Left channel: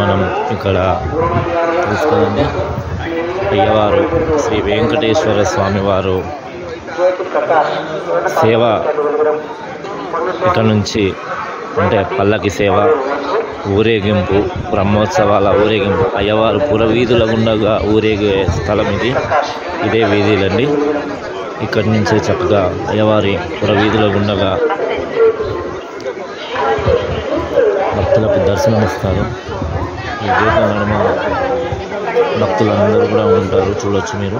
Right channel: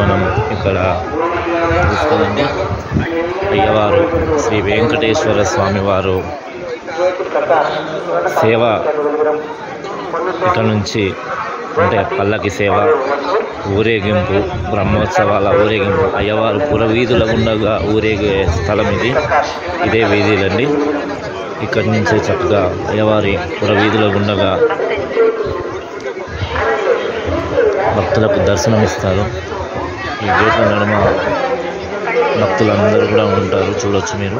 మనం ఇక్కడ చూసుకోండి, అయ్యవారు శ్రీ వెంకటేశ్వర స్వామి వారు సేవ ఇక్కడ నుంచి అంటే పల్లకి సేవ, ఊరేగింపు, బ్రహ్మోత్సవాల ఊరేగింపు, అయ్యవారు పురవీధుల గుండగా ఊరేగే స్థలం ఇది. ఇదే వీధులండి. ఇక్కడి నుంచి చక్కగా అయ్యవారి పురవీధుల గుండగా భక్తులకు దర్శనమిస్తారు. ఈ గేట్ల నడుమ భక్తులందరూ కూడా ఉంటారు, చూడొచ్చు మీరు.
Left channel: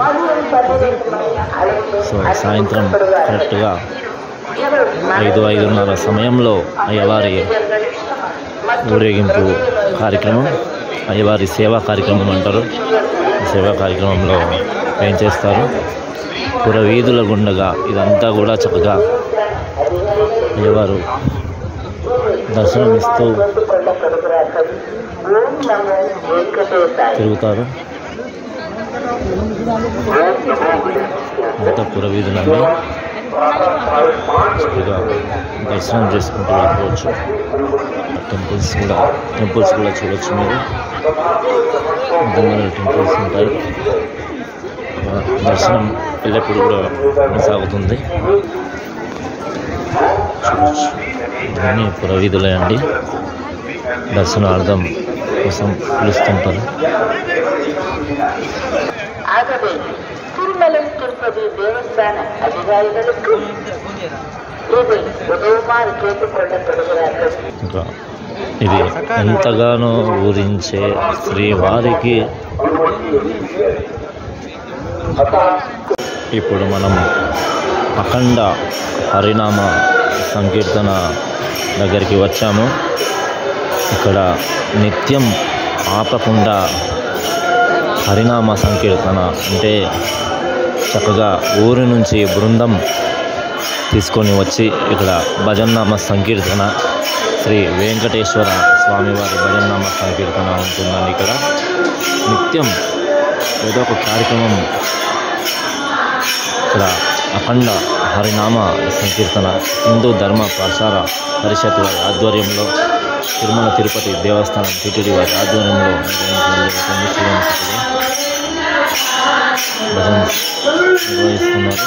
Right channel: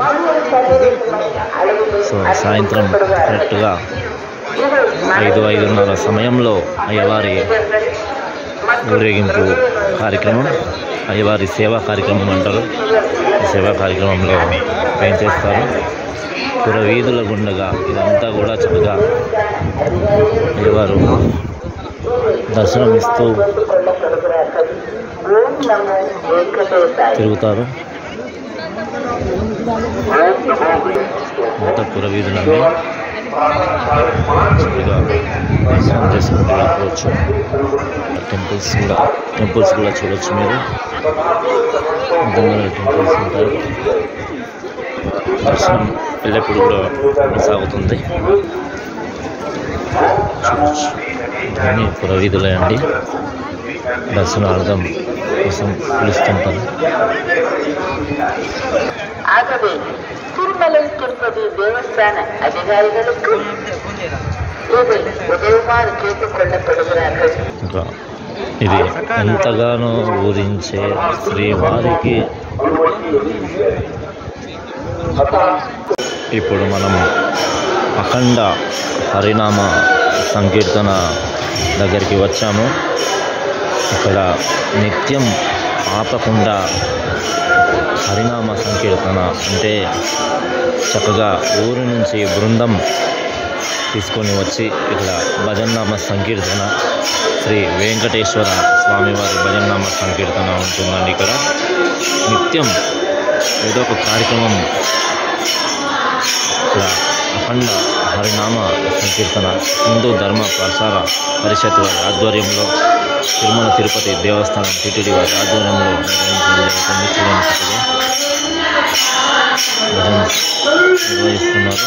సో సాయంత్రం కరెక్ట్గా 5-5:30 సమయంలో అయ్యవారి ఊరేగింపు కార్యక్రమం, అయ్యవారి సేవా కార్యక్రమం అంటారు. ఈ సేవా కార్యక్రమంలో ఏం చేస్తారు, పురవీధుల గుండగా ఇదంతా కూడా చక్కగా అయ్యవారు దర్శనమిస్తూ తిరుగుతారు. అంతా పురవీధులన్నీ చక్కగా దర్శనం చేసుకుంటూ వెళ్ళిపోవచ్చు. టెంపుల్స్ కూడా చూడవచ్చు మీరు. విధంగా టెంపుల్స్ ఉంటాయి. దర్శనం వెళ్ళేప్పుడు కూడా కొనసాగుతుంది. ఇవన్నీ పురవీధులే అండి, దర్శనార్థం కోసం పిలుస్తుంటారు. ದೇವಸ್ಥಾನ ಅಧಿಕಾರಿಗಳಿಗೂ ఇంకా ఇది ఎంతగానో ఊరించే శ్రీవారికి ఇప్పుడు మనం అఖండ హరినామ సంకీర్తన దగ్గరికి వచ్చాము. ఇక్కడ నిత్యం ఆపకుండా హరినామ సంకీర్తన అంటే చక్కగా ఊరి నుంచి బృందం తీసుకొని వచ్చి ఇక్కడ భజన్నామ సంకీర్తన, శ్రీ వెంకటేశ్వర స్వామివారి భజన్నామ సంకీర్తన ఉంటుందండి. ఇక్కడ నిత్యం ఏదో ఒక కార్యక్రమం. ఇక్కడ అఖండ హరినామ సంకీర్తన హిందూ ధర్మ ప్రచార పరిషత్ వారి ఆధ్వర్యంలో, తిరుమల తిరుపతి దేవస్థానం టిటిడి వారి ఆధ్వర్యంలో భజన నిర్వహిస్తున్నారు.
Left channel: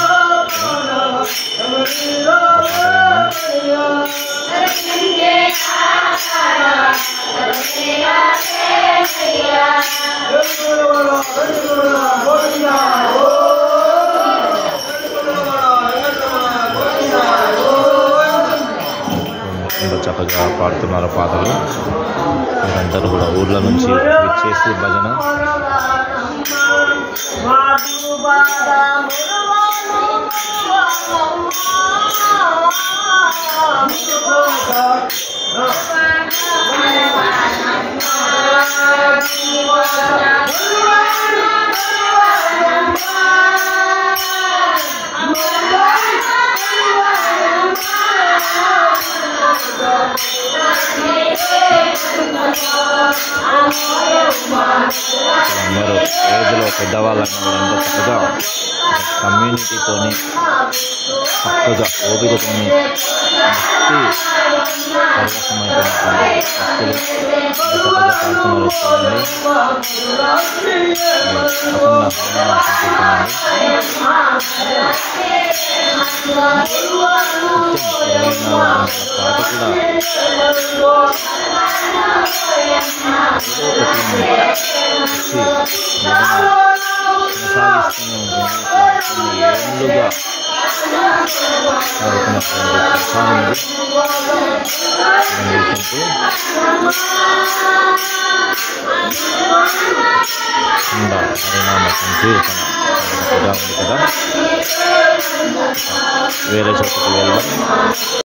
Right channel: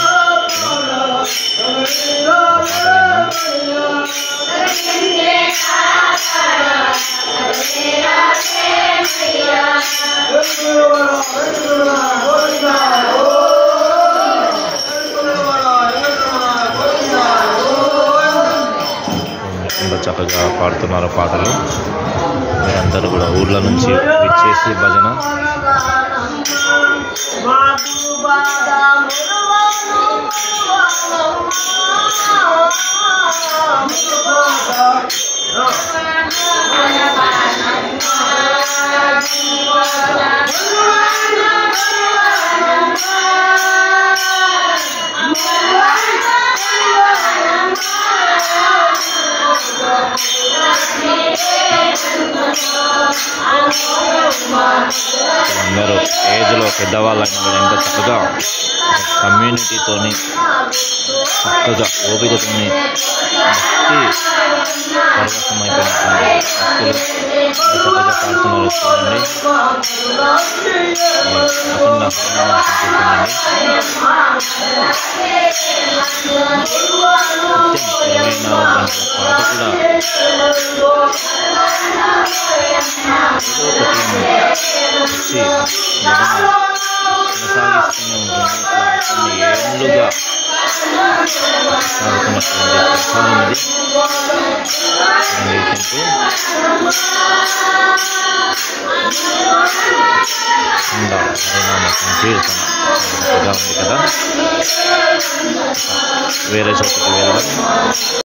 చక్కగా పాడుతున్నారు పాటలు. మీరందరూ కూడా ఊర్ల నుంచి విచ్చేసి భజన అందరూ ఏజ్లో పెద్దవాళ్ళైనా కూడా ఎంత చక్కగా కమ్యూనిటీతోని చక్కగా ఓపికతోని భక్తి పరవశమైపోయినటువంటి భక్తులు చక్కగా పాడుతున్నారు. చూడండి, అఖండ హరినామ సంకీర్తనండి. 24 గంటల పాటు కూడా ఏదో ఒకటి వచ్చి కొనసాగిస్తూనే ఉంటుంది. కొన్ని ఏళ్ళుగా సాగుతున్నటువంటి ప్రస్థానం ఇది. హరినామ సంకీర్తన ఉంది కదా, వేరే చోటుకు వెళ్ళడం